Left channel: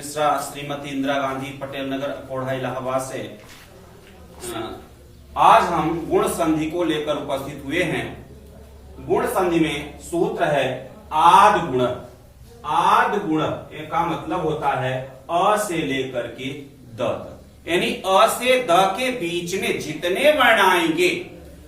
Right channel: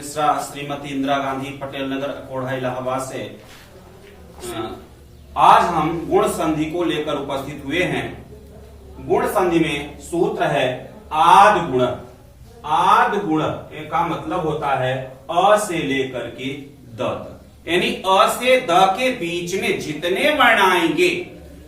मिश्रा श्रीमती इंदिरा गांधी पटेल नगर अकोढ़ा इलाहाबाद से आज हम गुण संधि को लेकर उपस्थित हुए हैं। गुण संधि में सूत्र है आद गुण। आद गुण का मतलब होता है अ से लेकर के द तक, यानी अ से द के बीच में जितने वर्ण आएंगे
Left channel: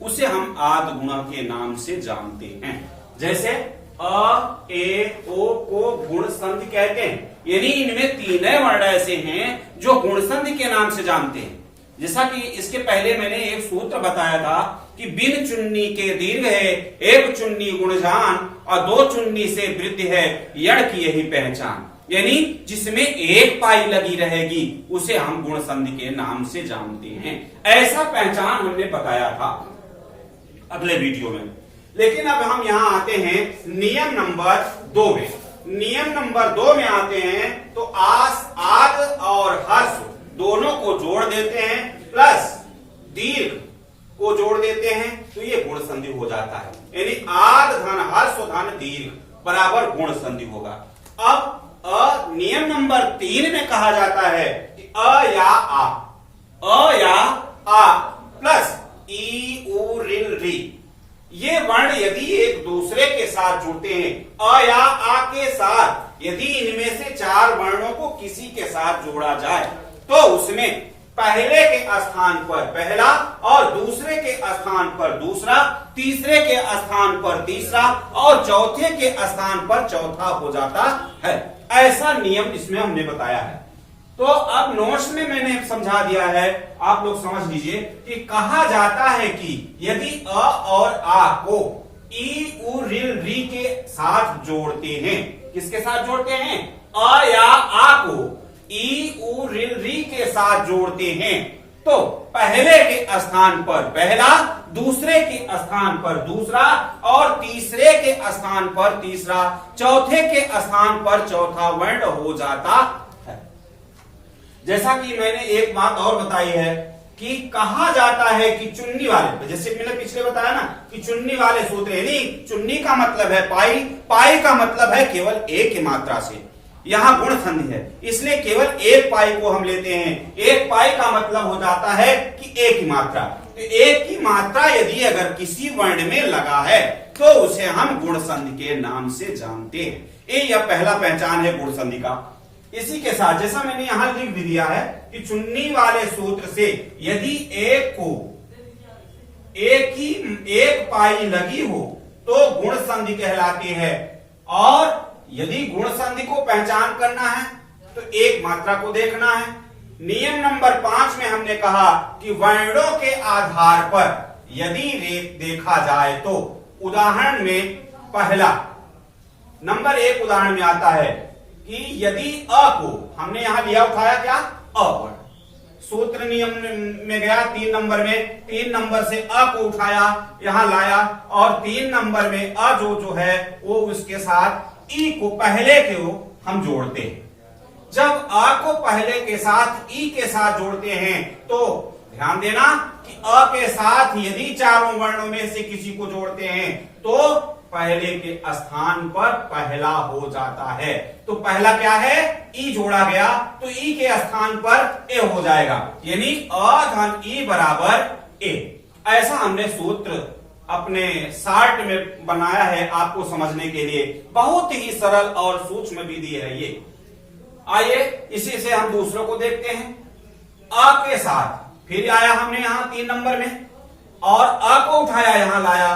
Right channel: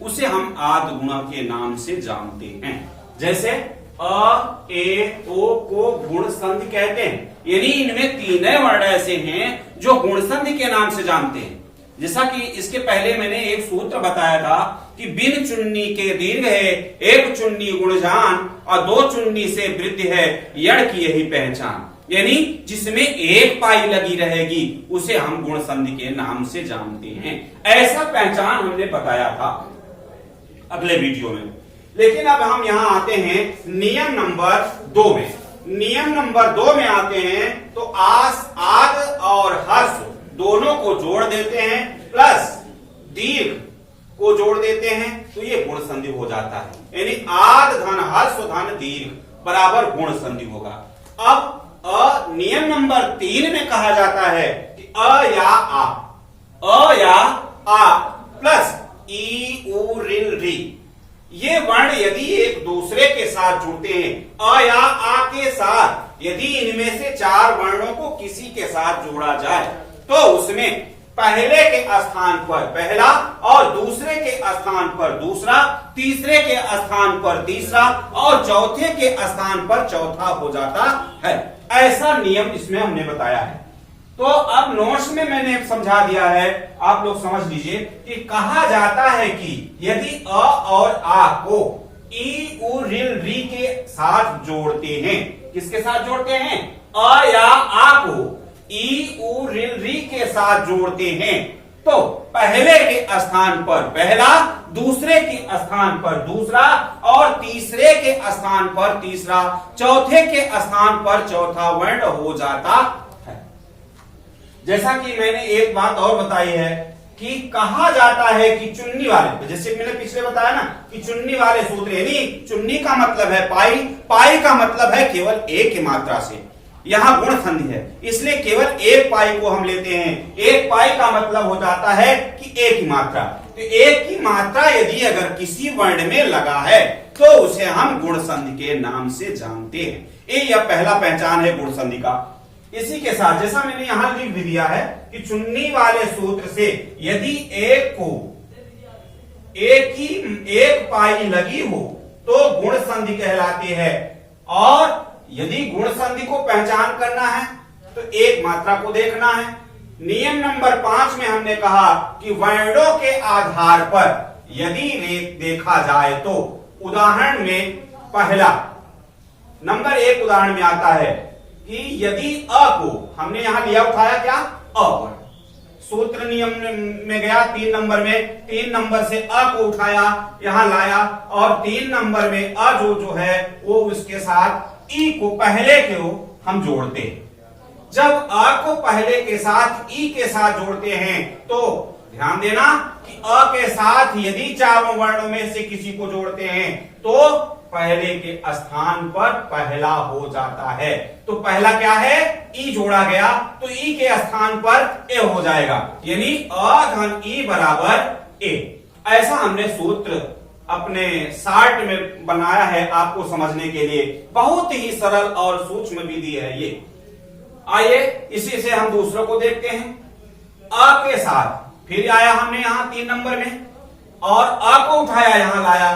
उसे हम आद गुण के नाम से जानते हैं। जैसे अ ए ओ को गुण संधि कहते हैं, यानी इनमें तीनों वर्ण ऐसे हैं जो गुण संधि के नाम से जानते हैं। जैसा कि इसके पहले मैंने एक सूत्र बताया था कि बिन चुन्नी के दीर्घ है, एक चुन्नी गुणजान और दो चुन्नी से वृद्धि है, यण की यही पहचान। यानी जिसमें एक पाई लगी रहेगी उसे हम गुण संधि के नाम से जानते हैं। ऐसा पहचान हमने बताया था अगले वीडियो में। लेकिन अब हम यहां आते हैं नियम नंबर 2 में। नियम नंबर 2 में आते हैं तो आद और हर्ष दोनों को जोड़ देते हैं, प्लस दीर्घ को जोड़ देते हैं, तो ये गुण संधि हो जाता है। यानी आद धन हर्ष धन दीर्घ बराबर गुण संधि होगा। अब नियम नंबर 3 में कहा जाता है कि अ या आ प्लस ई उ रिल री, ये वर्ण यदि एक दूसरे के साथ जुड़ते हैं, अ या आ के साथ यदि इनमें से 4 वर्णों को किसी के साथ जोड़ा जाए तो उसमें पहले के स्थान पर पहला और दूसरे के स्थान पर दूसरा, तीसरे के स्थान पर तीसरा और चौथे के स्थान पर चौथा हो जाता है। ऐसा नियम इसमें हमने बताया है। तो अब नोट्स में मैंने समझा दिया है, आप लोग समझ लीजिए कि कहा जाता है कि यदि अ और आ को ई उ रिल री के साथ जोड़ते हैं, किसके साथ जोड़ते हैं? अ या आ को ई उ रिल री के साथ जोड़ते हैं तो पहले के स्थान पर पहला, दूसरे के स्थान पर दूसरा और तीसरे के स्थान पर तीसरा, चौथे के स्थान पर चौथा वर्ण हो जाता है। जैसा कि मैंने एक बात और बताई है कि कहा जाता है कि चुन्नी वाले, जैसे मैंने पिछले बताया ना कि चुन्नी वाले सूत्र, यानी चुन्नी का मतलब है पाई, पाई का मतलब है केवल एक की मात्रा से। यहां गुण संधि है इसलिए केवल एक पाई को हम लेते हैं। एक पाई का मतलब हो जाता है कि एक की मात्रा। तो एक की मात्रा यदि अगर किसी वर्ण में लगा है तो उसे हम गुण संधि के नाम से जानते हैं। ये यह पहला पहचान है गुण संधि का। इसी के साथ जैसा मैंने यहां लिख भी दिया है कि चुन्नी वाले सूत्र से यदि एक को एक पाई लगी हो तो गुण संधि कहलाती है। और यदि गुण संधि को पहचान करना है तो एक मात्रा को देखना है। नियम नंबर 5 में हमने कहा कि वर्णों के आधार पर यदि देखा जाए तो उदाहरण में पहला नंबर 1 उदाहरण में आता है कि यदि अ को हमने यहां लिया उठाया क्या? अ वर्ण। सूत्र नियम में गया 3 नंबर में, 3 नंबर से अ को उठाया यहां लाया और 3 नंबर में अ जो है वो उसके साथ ई को पहले के हम जोड़ते हैं। जब अ को पहले के साथ ई के साथ जोड़ते हैं तो ध्यान देना कि अ के साथ यदि चारों वर्णों में से किसी को जोड़ते हैं तो पहले के स्थान पर पहला हो जाता है। तो पहला क्या है? ई जोड़ा गया तो ई के स्थान पर ए हो जाएगा, यानी अ धन ई बराबर ए। ऐसा हमने सूत्र अपने शार्ट में बनाया है आपको समझने के लिए। बहुत ही सरल और सूक्ष्म विधि है ये। आइए इसी से हम दूसरों को देखते हैं। अ के साथ फिर आया हमने यहां 3 नंबर में और अ को उठाया यहां लाया।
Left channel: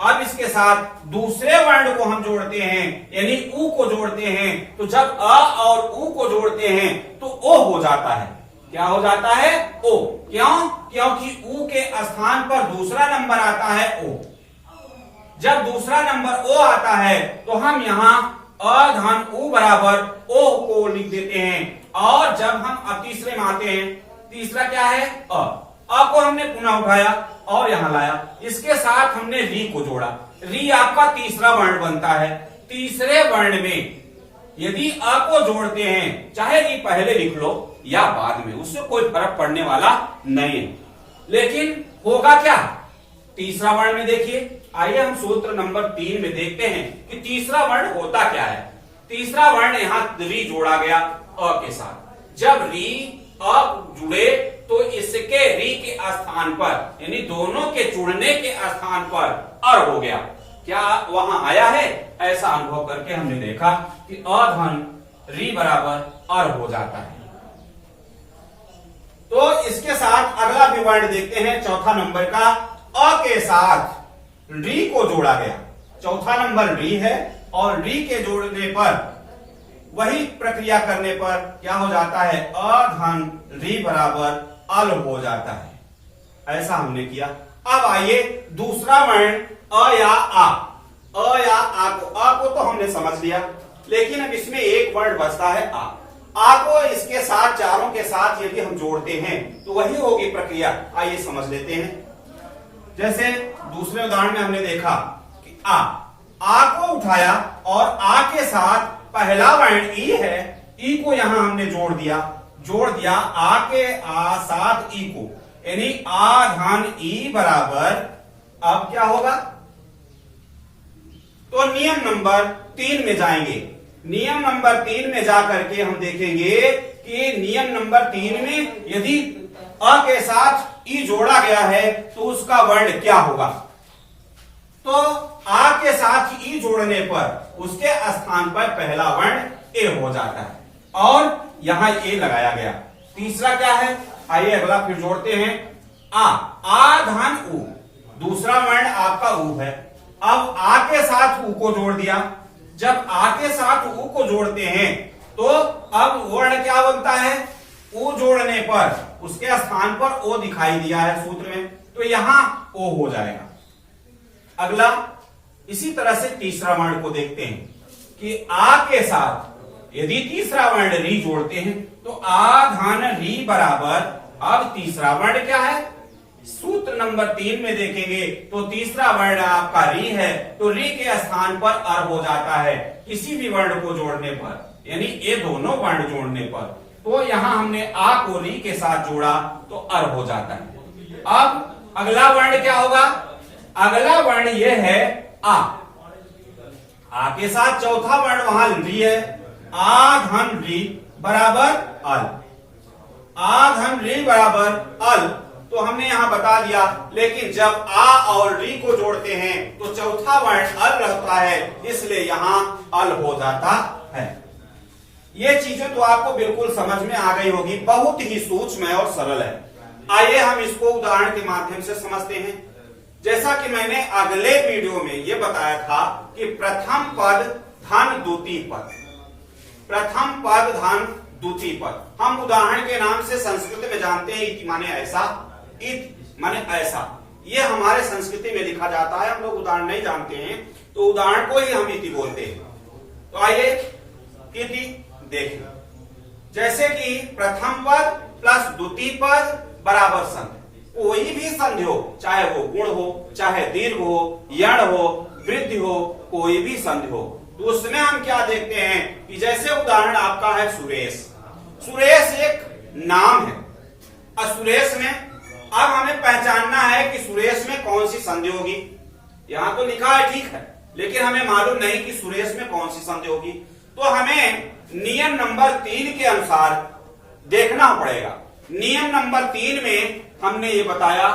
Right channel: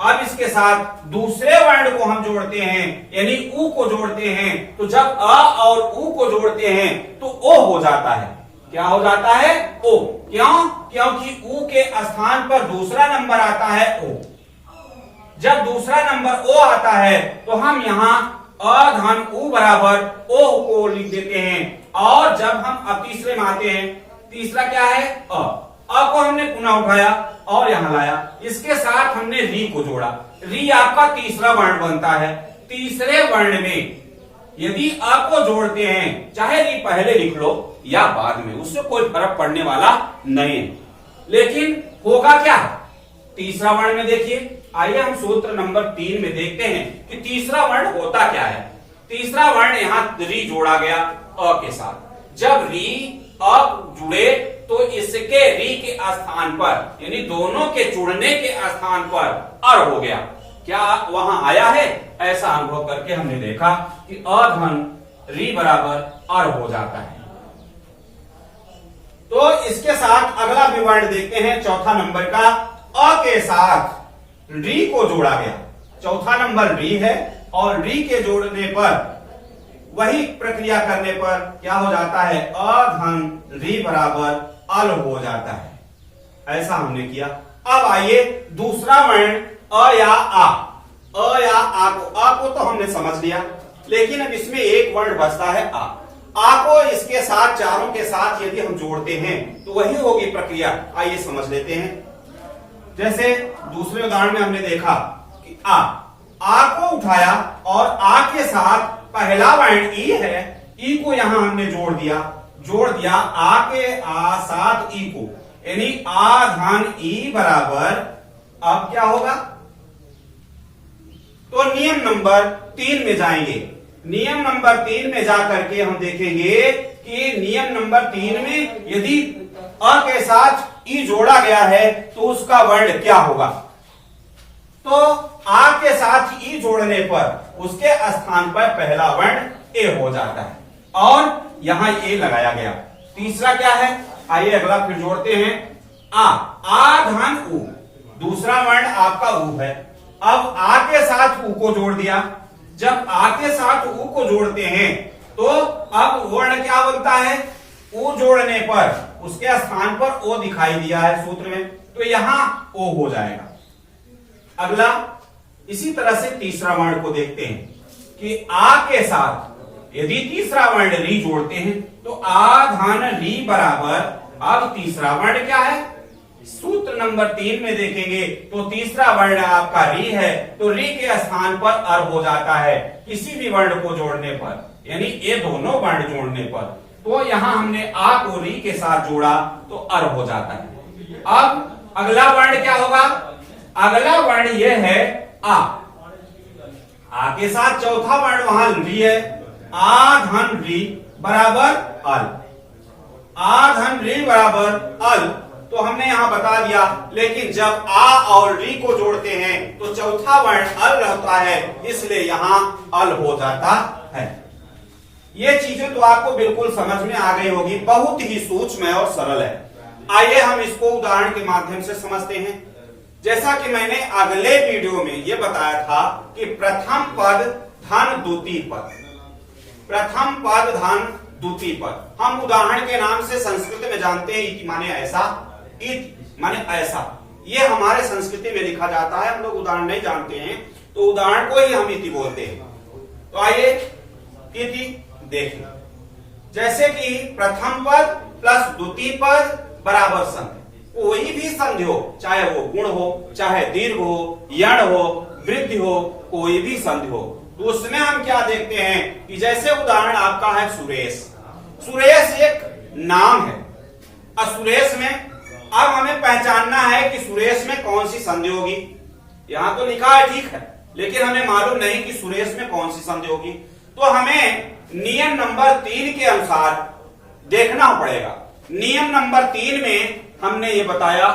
अब इसके साथ दूसरे वर्ण को हम जोड़ते हैं, यानी उ को जोड़ते हैं। तो जब अ और उ को जोड़ते हैं तो ओ हो जाता है। क्या हो जाता है? ओ। क्यों? क्योंकि उ के स्थान पर दूसरा नंबर आता है ओ। जब दूसरा नंबर ओ आता है तो हम यहां अ धन उ बराबर ओ को लिख देते हैं। और जब हम अब तीसरे में आते हैं, तीसरा क्या है? अ को हमने पुनः उठाया और यहां लाया। इसके साथ हमने री को जोड़ा। री आपका तीसरा वर्ण बनता है। तीसरे वर्ण में यदि अ को जोड़ते हैं, चाहे री पहले लिख लो या बाद में, उससे कोई फर्क पड़ने वाला नहीं है। लेकिन होगा क्या? तीसरा वर्ण में देखिए, आइए हम सूत्र नंबर 3 में देखते हैं कि तीसरा वर्ण होता क्या है। तीसरा वर्ण यहां री जोड़ा गया अ के साथ। जब री अ जुड़े तो इसके री के स्थान पर यानी दोनों के जुड़ने के स्थान पर अर हो गया। क्या वहां आया है? ऐसा अनुभव करके हमने देखा कि अधन री बराबर अर हो जाता है। तो इसके साथ अगला भी वर्ण देखते हैं, चौथा नंबर का अ के साथ री को जोड़ा गया। चौथा नंबर री है और री के जोड़ने पर वही प्रक्रिया करने पर क्या हो जाता है? अधन री बराबर अल हो जाता है। ऐसा हमने किया। अब आइए दूसरा वर्ण अ या आ। अ या आ को तो हमने समझ लिया, लेकिन अब इसमें एक वर्ण बचता है आ को इसके साथ चारों के साथ यदि हम जोड़ते हैं तो वही होगी प्रक्रिया। आइए समझ लेते हैं। जैसे दूसरे उदाहरण में हमने देखा कि आ को उठाया और आ के साथ पहला वर्ण ई है, ई को यहां हमने जोड़ दिया आ के आ साथ ई को, यानी आ धन ई बराबर अब क्या होगा? तो नियम नंबर 3 में जाएंगे। नियम नंबर 3 में जाकर के हम देखेंगे कि नियम नंबर 3 में यदि अ के साथ ई जोड़ा गया है तो उसका वर्ण क्या होगा? तो आ के साथ ई जोड़ने पर उसके स्थान पर पहला वर्ण ए हो जाता है और यहां ए लगाया गया। तीसरा क्या है? आइए अगला फिर जोड़ते हैं। आ धन उ, दूसरा वर्ण आपका उ है। अब आ के साथ उ को जोड़ दिया। जब आ के साथ उ को जोड़ते हैं तो अब वर्ण क्या बनता है? उ जोड़ने पर उसके स्थान पर ओ दिखाई दिया है सूत्र में, तो यहां ओ हो जाएगा। अगला इसी तरह से तीसरा वर्ण को देखते हैं कि आ के साथ यदि तीसरा वर्ण री जोड़ते हैं तो आ धन री बराबर, अब तीसरा वर्ण क्या है? सूत्र नंबर 3 में देखेंगे तो तीसरा वर्ण आपका री है, तो री के स्थान पर अर हो जाता है किसी भी वर्ण को जोड़ने पर, यानी ये दोनों वर्ण जोड़ने पर। तो यहां हमने आ को री के साथ जोड़ा तो अर हो जाता है। अब अगला वर्ण क्या होगा? अगला वर्ण यह है आ के साथ चौथा वर्ण वहां री है, आ धन री बराबर अल। आ धन री बराबर अल तो हमने यहां बता दिया, लेकिन जब आ और री को जोड़ते हैं तो चौथा वर्ण अल रहता है, इसलिए यहां अल हो जाता है। ये चीजें तो आपको बिल्कुल समझ में आ गई होगी, बहुत ही सूक्ष्म है और सरल है। आइए हम इसको उदाहरण के माध्यम से समझते हैं। जैसा कि मैंने अगले वीडियो में यह बताया था कि प्रथम पद धन द्वितीय पद, प्रथम पद धन द्वितीय पद, हम उदाहरण के नाम से संस्कृत में जानते हैं इति माने ऐसा, इत माने ऐसा, ये हमारे संस्कृति में लिखा जाता है। हम लोग उदाहरण नहीं जानते हैं तो उदाहरण को ही हम इति बोलते हैं। तो आइए इति देखें। जैसे कि प्रथम पद प्लस द्वितीय पद बराबर संधि, कोई भी संधि हो, चाहे वो गुण हो, चाहे दीर्घ हो, यण हो, वृद्धि हो, कोई भी संधि हो, तो उसमें हम क्या देखते हैं कि जैसे उदाहरण आपका है सुरेश। सुरेश एक नाम है। अब सुरेश में अब हमें पहचानना है कि सुरेश में कौन सी संधि होगी। यहां तो लिखा है ठीक है, लेकिन हमें मालूम नहीं कि सुरेश में कौन सी संधि होगी। तो हमें नियम नंबर 3 के अनुसार देखना पड़ेगा। नियम नंबर 3 में हमने ये बताया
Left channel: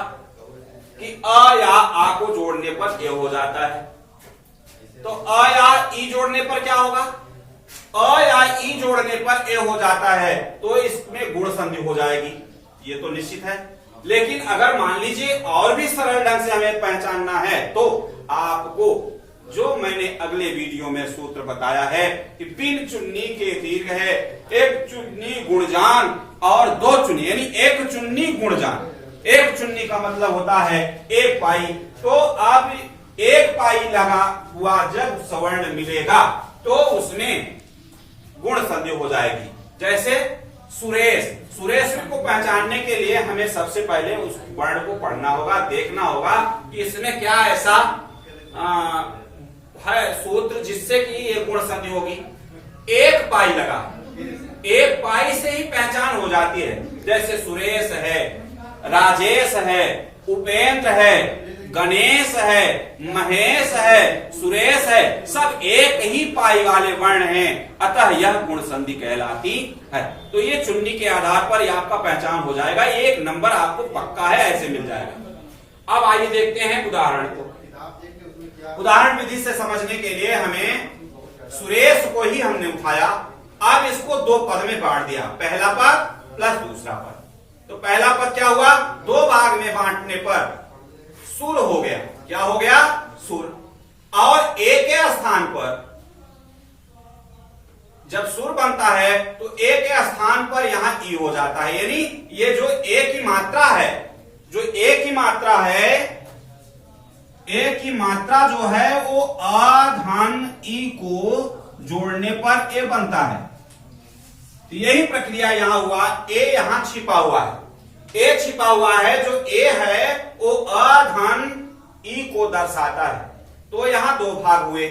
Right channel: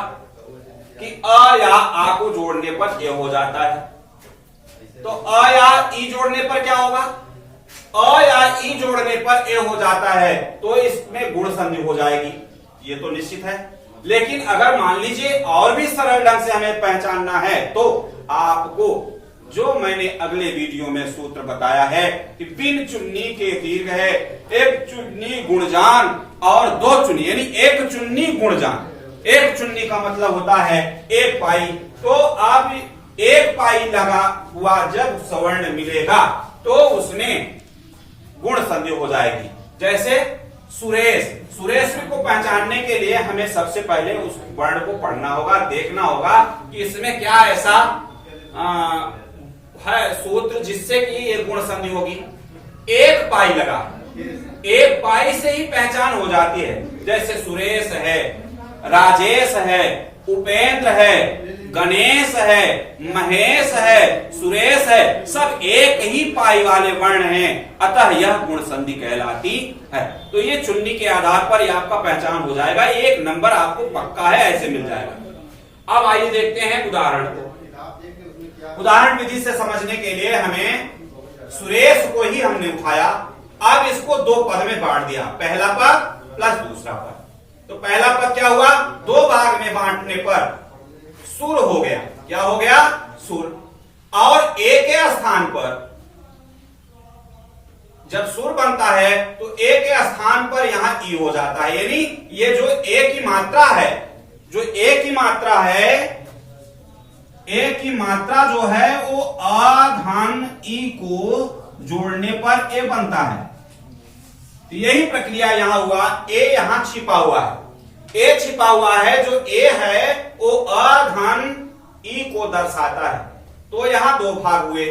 कि अ या आ को जोड़ने पर ये हो जाता है। तो अ या ई जोड़ने पर क्या होगा? अ या ई जोड़ने पर ए हो जाता है, तो इसमें गुण संधि हो जाएगी, ये तो निश्चित है। लेकिन अगर मान लीजिए और भी सरल ढंग से हमें पहचानना है तो आपको जो मैंने अगले वीडियो में सूत्र बताया है कि बिन चुन्नी के दीर्घ है, एक चुन्नी गुणजान और दो चुन्नी, यानी एक चुन्नी गुणजान। एक चुन्नी का मतलब होता है एक पाई, तो अब एक पाई लगा हुआ जब सवर्ण मिलेगा तो उसमें गुण संधि हो जाएगी। जैसे सुरेश, सुरेश को पहचानने के लिए हमें सबसे पहले उस वर्ण को पढ़ना होगा, देखना होगा कि इसमें क्या ऐसा है सूत्र जिससे कि ये गुण संधि होगी। एक पाई लगा, एक पाई से ही पहचान हो जाती है। जैसे सुरेश है, राजेश है, उपेंद्र है, गणेश है, महेश है, सुरेश है, सब एक ही पाई वाले वर्ण हैं, अतः यह गुण संधि कहलाती है। तो ये चुन्नी के आधार पर यह आपका पहचान हो जाएगा, एक नंबर आपको पक्का है ऐसे मिल जाएगा। अब आइए देखते हैं उदाहरण को। उदाहरण विधि से समझने के लिए हमें सुरेश को ही हमने उठाया, अब इसको दो पद में बांट दिया, पहला पद प्लस दूसरा पद। तो पहला पद क्या हुआ, दो भाग में बांटने पर सुर हो गया, क्या हो गया, सुर। और ए के स्थान पर जब सुर बनता है तो ए के स्थान पर यहां ई हो जाता है, यानी ये जो ए की मात्रा है, जो ए की मात्रा है, ए की मात्रा जो है वो आ धन ई को जोड़ने पर ए बनता है। तो यही प्रक्रिया यहां हुआ, ए यहां छिपा हुआ है, ए छिपा हुआ है, जो ए है वो अ धन ई को दर्शाता है। तो यहां दो भाग हुए,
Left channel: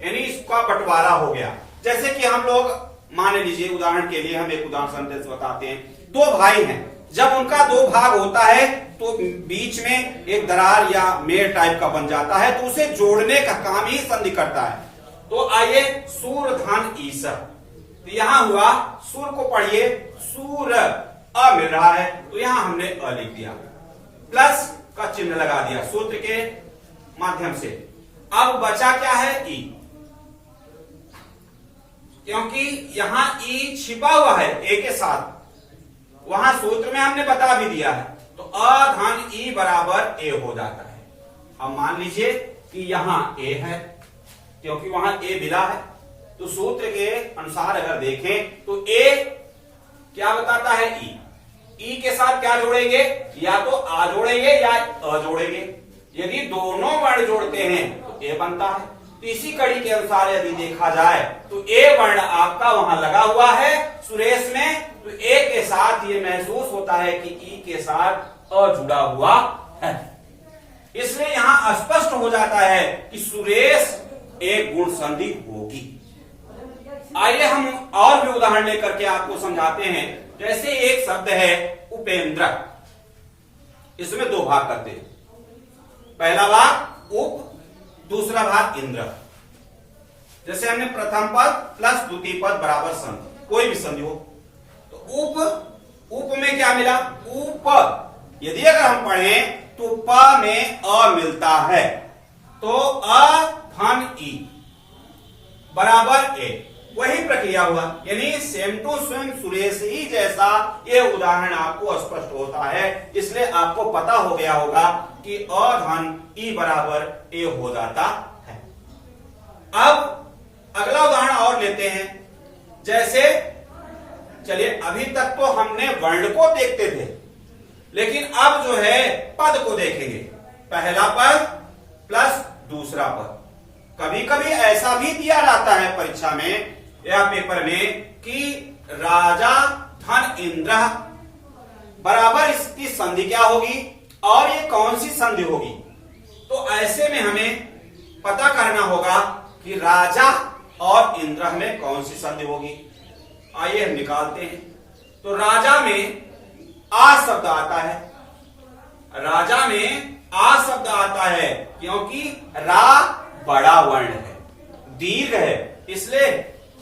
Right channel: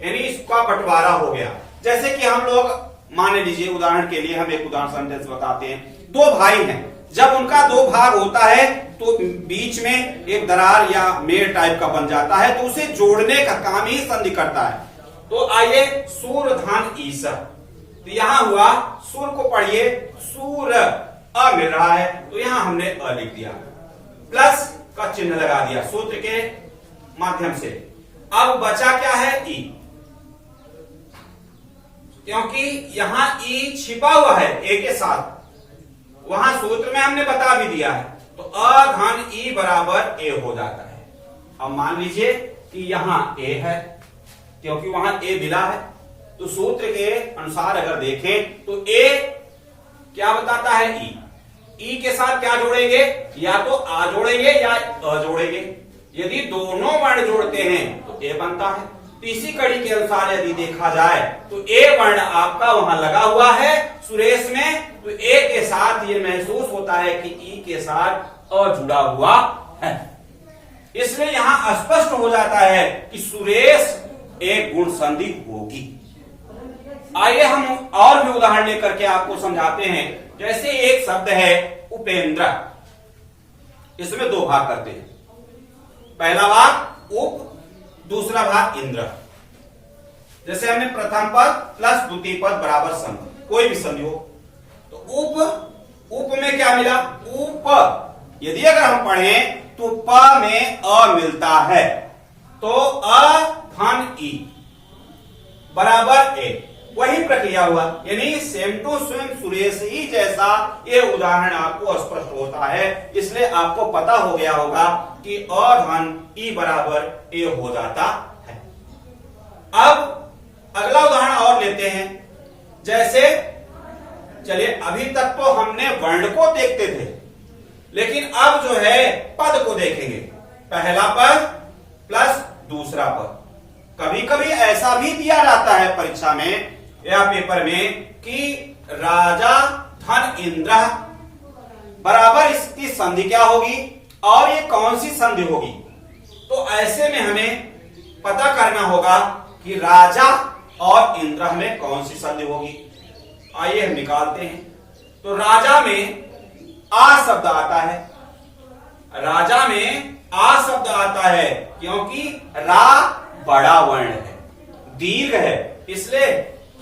यानी इसका बंटवारा हो गया। जैसे कि हम लोग मान लीजिए उदाहरण के लिए हम एक उदाहरण संदेश बताते हैं, दो भाई हैं, जब उनका दो भाग होता है तो बीच में एक दरार या मेर टाइप का बन जाता है, तो उसे जोड़ने का काम ही संधि करता है। तो आइए सूर धन ईस, तो यहां हुआ सूर को पढ़िए, सूर अ मिल रहा है, तो यहां हमने अ लिख दिया, प्लस का चिन्ह लगा दिया सूत्र के माध्यम से। अब बचा क्या है, ई, क्योंकि यहां ई छिपा हुआ है ए के साथ, वहां सूत्र में हमने बता भी दिया है, तो अ धन ई बराबर ए हो जाता है। अब मान लीजिए कि यहां ए है, क्योंकि वहां ए मिला है, तो सूत्र के अनुसार अगर देखें तो ए क्या बताता है, ई के साथ क्या जोड़ेंगे, या तो आ जोड़ेंगे या अ जोड़ेंगे। यदि दोनों वर्ण जोड़ते हैं तो ए बनता है। तो इसी कड़ी के अनुसार यदि देखा जाए तो ए वर्ण आपका वहां लगा हुआ है सुरेश में, तो ए के साथ ये महसूस होता है कि ई के साथ अ जुड़ा हुआ है, इसलिए यहां स्पष्ट हो जाता है कि सुरेश एक गुण संधि होगी। आइए हम और भी उदाहरण लेकर के आपको समझाते हैं। जैसे एक शब्द है उपेंद्र, इसमें दो भाग करते हैं, पहला भाग उप, दूसरा भाग इंद्र। जैसे हमने प्रथम पद प्लस द्वितीय पद बराबर संधि, कोई भी संधि हो, तो उप में क्या मिला, उप। यदि अगर हम पढ़ें तो प में अ मिलता है, तो अ धन ई बराबर ए, वही प्रक्रिया हुआ, यानी सेम टू सेम सुरेश ही जैसा ये उदाहरण आपको स्पष्ट होता है। इसलिए आपको पता हो गया होगा कि अ धन ई बराबर ए हो जाता है। अब अगला उदाहरण और लेते हैं। जैसे चलिए अभी तक तो हमने वर्ण को देखते थे, लेकिन अब जो है पद को देखेंगे, पहला पद प्लस दूसरा पद। कभी कभी ऐसा भी दिया जाता है परीक्षा में या पेपर में कि राजा धन इंद्र बराबर इसकी संधि क्या होगी और ये कौन सी संधि होगी। तो ऐसे में हमें पता करना होगा कि राजा और इंद्र में कौन सी संधि होगी। आइए हम निकालते हैं। तो राजा में आ शब्द आता है, राजा में आ शब्द आता है क्योंकि रा बड़ा वर्ण है, दीर्घ है, इसलिए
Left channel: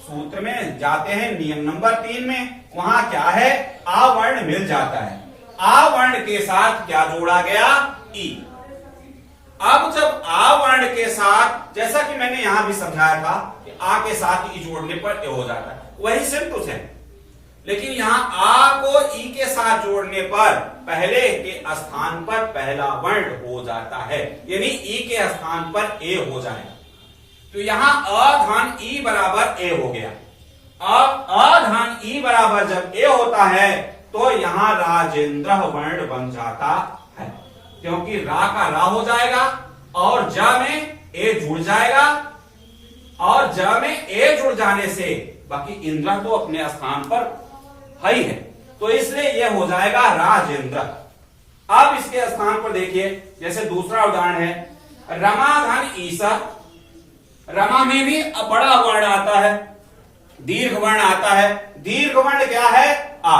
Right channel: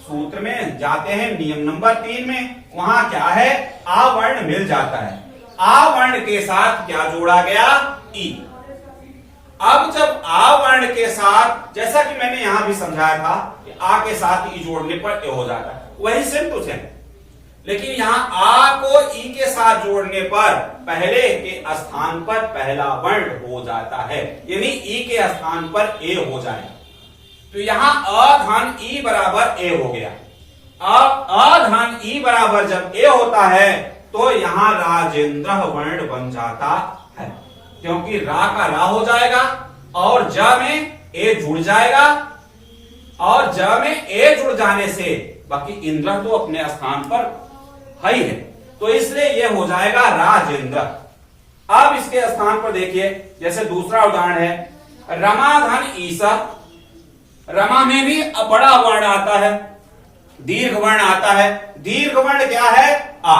सूत्र में जाते हैं नियम नंबर 3 में, वहां क्या है, आ वर्ण मिल जाता है। आ वर्ण के साथ क्या जोड़ा गया, ई। अब जब आ वर्ण के साथ, जैसा कि मैंने यहां भी समझाया था कि आ के साथ ई जोड़ने पर ए हो जाता है, वही सेम टू सेम, लेकिन यहां आ को ई के साथ जोड़ने पर पहले के स्थान पर पहला वर्ण हो जाता है, यानी ई के स्थान पर ए हो जाएगा। तो यहां अ धन ई बराबर ए हो गया। अब अ धन ई बराबर जब ए होता है तो यहां राजेंद्र वर्ण बन जाता है, क्योंकि रा का रा हो जाएगा और ज में ए जुड़ जाएगा, और ज में ए जुड़ जाने से बाकी इंद्र तो अपने स्थान पर है ही है, तो इसलिए यह हो जाएगा राजेंद्र। अब इसके स्थान पर देखिए, जैसे दूसरा उदाहरण है रमा धन ईसा। रमा में भी बड़ा वर्ण आता है, दीर्घ वर्ण आता है। दीर्घ वर्ण क्या है, आ।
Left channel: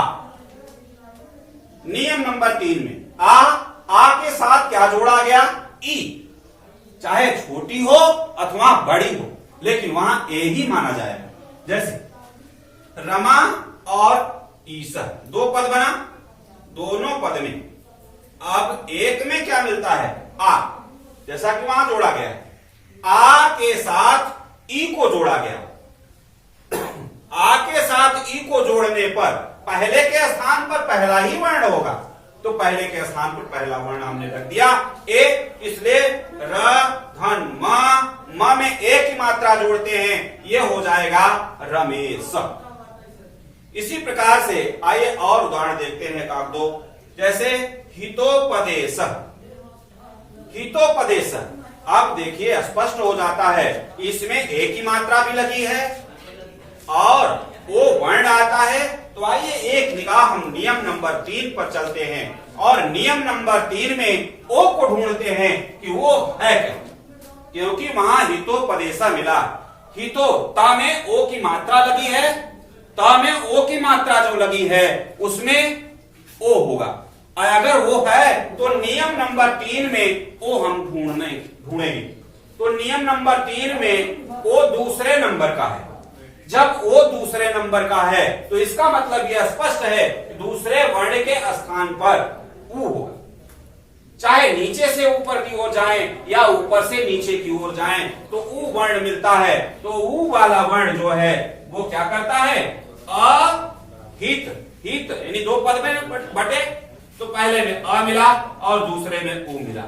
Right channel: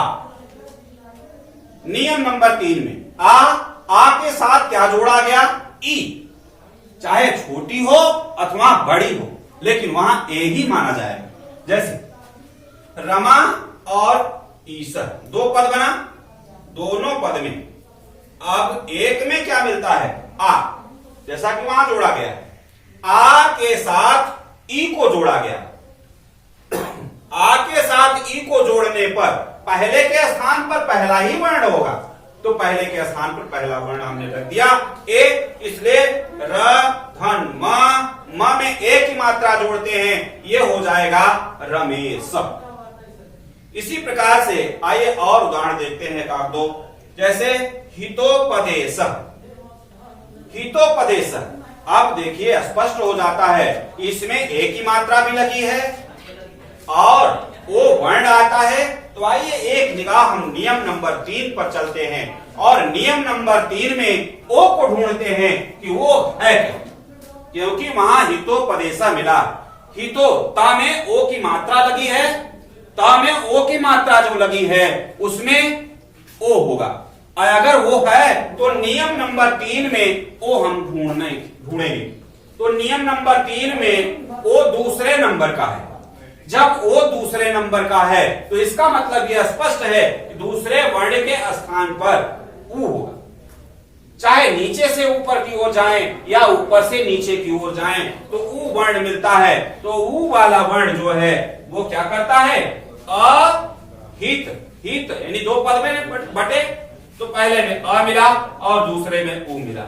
नियम नंबर 3 में आ आ के साथ क्या जोड़ा गया? ई। चाहे छोटी हो अथवा बड़ी हो, लेकिन वहां ए ही माना जाएगा। जैसे रमा और ईसर, दो पद बना, दोनों पद में अब एक में क्या मिलता है? आ, जैसा कि वहां जोड़ा गया है। आ के साथ ई को जोड़ा गया। आ के साथ ई को जोड़ने पर पहले के स्थान पर पहला ही वर्ण होगा, तो पहले के स्थान पर पहला वर्ण हमने रख दिया ए, इसलिए र धन म में ए की मात्रा जोड़ते हैं, ये हो जाएगा रमेश। इसी प्रकार से आइए और उदाहरण देखते हैं काक दो। जैसे हितोपदेश, हितोपदेश, अब देखिए स्पष्ट हो जाता है, इसमें ए की मात्रा भी लगी है और ओ वर्ण आता है। तो आइए एक निगाह हम नियम नंबर 3 पर चलते हैं और नियम नंबर 3 में ओ को ढूंढते हैं कि वो है क्या, क्योंकि वहां हितोपदेशा मिला। हितो ता में ओ की मात्रा लगी है, ता में ओ की मात्रा जो लगी है उसमें ओ होगा, और अगर वो है तो नियम नंबर 3 में ओ हम ढूंढेंगे। तो नियम नंबर 3 में ओ दूसरे नंबर का है। जब ओ दूसरे नंबर का है तो इसका मतलब यह स्पष्ट है कि दूसरे वर्ण के स्थान पर ऊ होगा। चाहे नीचे से ऊपर की ओर जाएं या ऊपर से नीचे की ओर जाएं तो ऊ वर्ण मिलता है। तो ऊ वाला वर्ण जो है वो क्या करता है? अहित, हित यानी दो पद में बटे, तो पहले में अ मिला और दूसरे में ऊ मिला,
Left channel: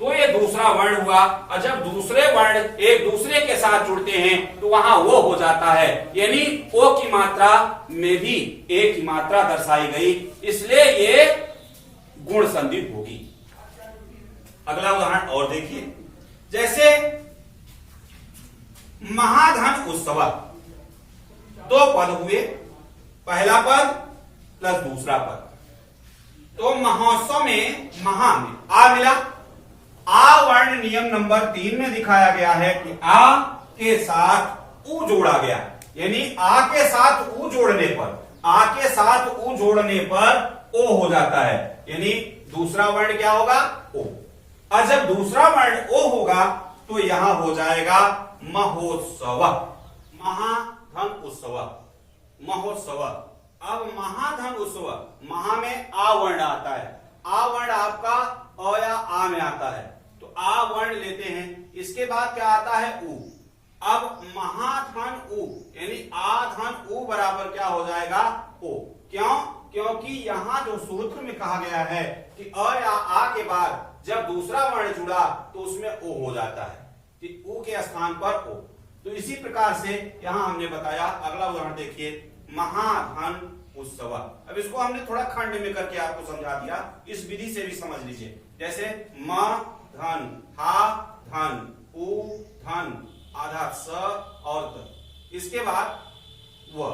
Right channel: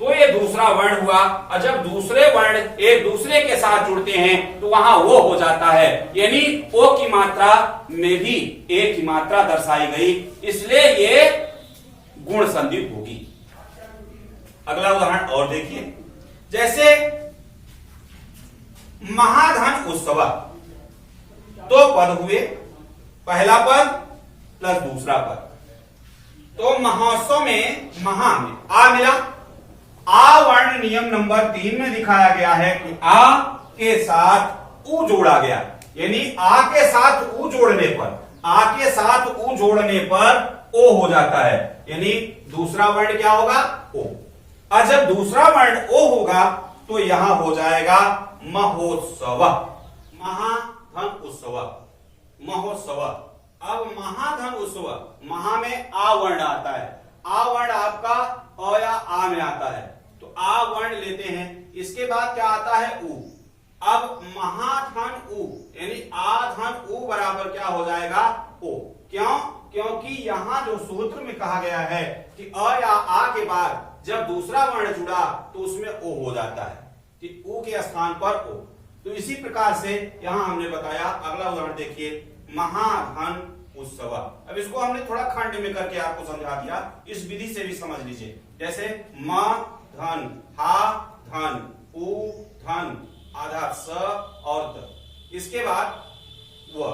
तो ये दूसरा वर्ण हुआ। और जब दूसरे वर्ण एक दूसरे के साथ जुड़ते हैं तो वहां वो हो जाता है, यानी ओ की मात्रा में भी ए की मात्रा दर्शाई गई, इसलिए ये गुण संधि होगी। अगला उदाहरण और देखिए। जैसे महाधन उत्सव, दो पद हुए, पहला पद प्लस दूसरा पद, तो महोत्सव में महा में आ मिला। आ वर्ण नियम नंबर 3 में दिखाया गया है कि आ के साथ ऊ जोड़ा गया, यानी आ के साथ ऊ जोड़ने पर, आ के साथ ऊ जोड़ने पर ओ हो जाता है, यानी दूसरा वर्ण क्या होगा? ओ। और जब दूसरा वर्ण ओ होगा तो यहां हो जाएगा महोत्सव, महाधन उत्सव, महोत्सव। अब महाधन उत्सव, महा में आ वर्ण आता है, आ वर्ण आपका अ या आ में आता है, तो आ वर्ण लेते हैं, इसके बाद क्या आता है? ऊ। अब महाधन ऊ यानी आ धन ऊ बराबर क्या हो जाएगा? ओ। क्यों? क्योंकि यहां जो सूत्र में कहा गया है कि अ या आ के बाद जब दूसरा वर्ण जुड़ा तो उसमें ओ हो जाता है, कि ऊ के स्थान पर ओ। तो इसी प्रकार से यहां हमने बताया। अगला उदाहरण देखिए, महाधन उत्सव। अब इसको हमने थोड़ा खंड में करके आपको समझा दिया, इस विधि से भी समझ लीजिए। जैसे म धन, हा धन, उ धन, आधा स और द, इसके बाद व,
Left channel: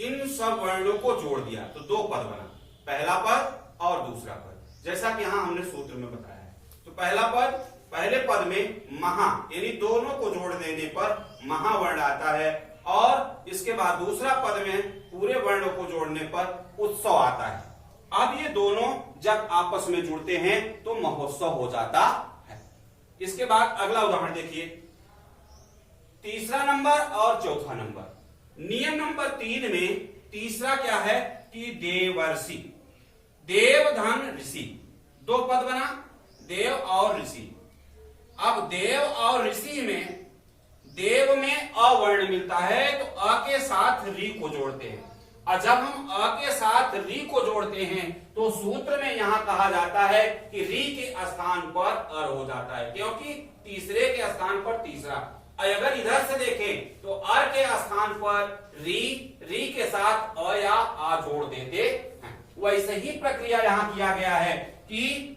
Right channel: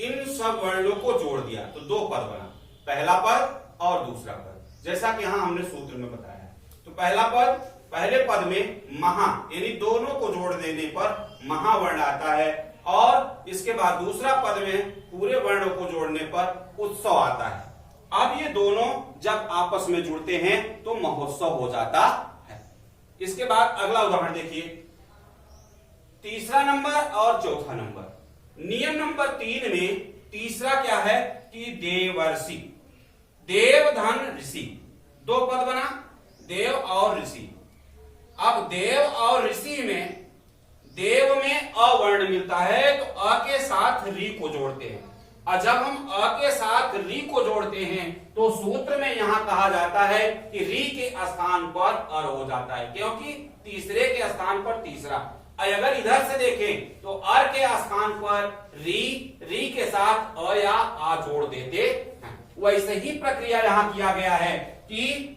इन सब वर्णों को जोड़ दिया तो दो पद बना, पहला पद और दूसरा पद, जैसा कि यहां हमने सूत्र में बताया है। तो पहला पद, पहले पद में महा यानी दोनों को जोड़ देने पर महावर्ण आता है, और इसके बाद दूसरा पद में पूरे वर्णों को जोड़ने पर उत्सव आता है। अब ये दोनों जब आपस में जुड़ते हैं तो महोत्सव हो जाता है। इसके बाद अगला उदाहरण देखिए, तीसरा नंबर और चौथा नंबर। नियम नंबर 3 में तीसरा क्या है कि देवर्षि, देव धन ऋषि, दो पद बना, देव और ऋषि। अब देव और ऋषि में देव में अ वर्ण मिलता है तो अ के साथ री को जोड़ते हैं, और जब हम अ के साथ री को जोड़ते हैं तो सूत्र में यहां कहा जाता है कि री के स्थान पर अर हो जाता है, क्योंकि तीसरे के स्थान पर तीसरा। अगर इधर से देखें तो अर के स्थान पर री के साथ अ या आ जोड़ देते हैं। वैसे ही प्रक्रिया यहां किया गया है कि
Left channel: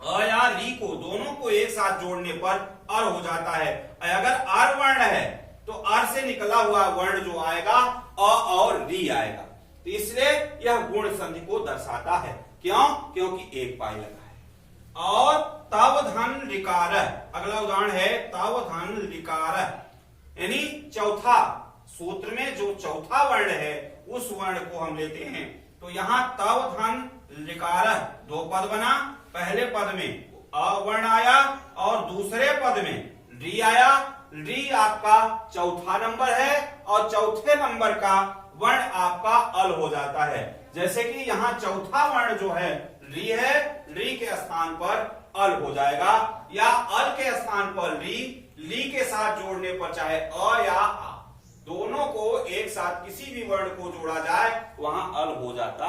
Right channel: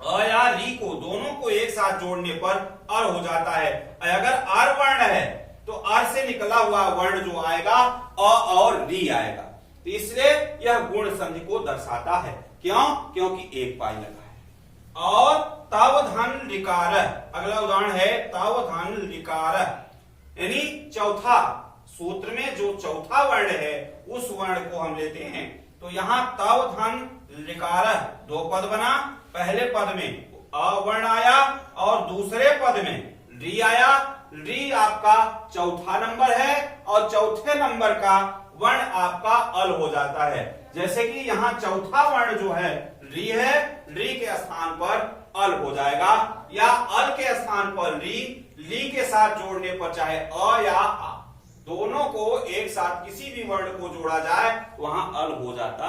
अ या री को दोनों को एक साथ जोड़ने पर अर हो जाता है। अगर अर वर्ण है तो अर से निकला हुआ वर्ण जो आएगा अ और री आएगा, तो इसलिए यह गुण संधि को दर्शाता है। क्यों? क्योंकि एक पाई लगा है। और तव धन ऋकार, अगला उदाहरण है तव धन ऋकार, यानी चौथा, सूत्र में जो चौथा वर्ण है उस वर्ण को हम लेते हैं तो यहां तव धन ऋकार दो पद बना, पहले पद में अ वर्ण आया और दूसरे पद में री आया। री आपका चौथा नंबर है और चौथे नंबर का वर्ण आपका अल हो जाता है। जैसे कि यहाँ चौथा वर्ण जो है री है, री के स्थान पर अल हो जाएगा, या अल के स्थान पर ली के साथ जोड़ने पर चाहे अ या आ, दोनों को एक साथ किसी भी वर्ण को जोड़ा जाए वहां अल हो जाता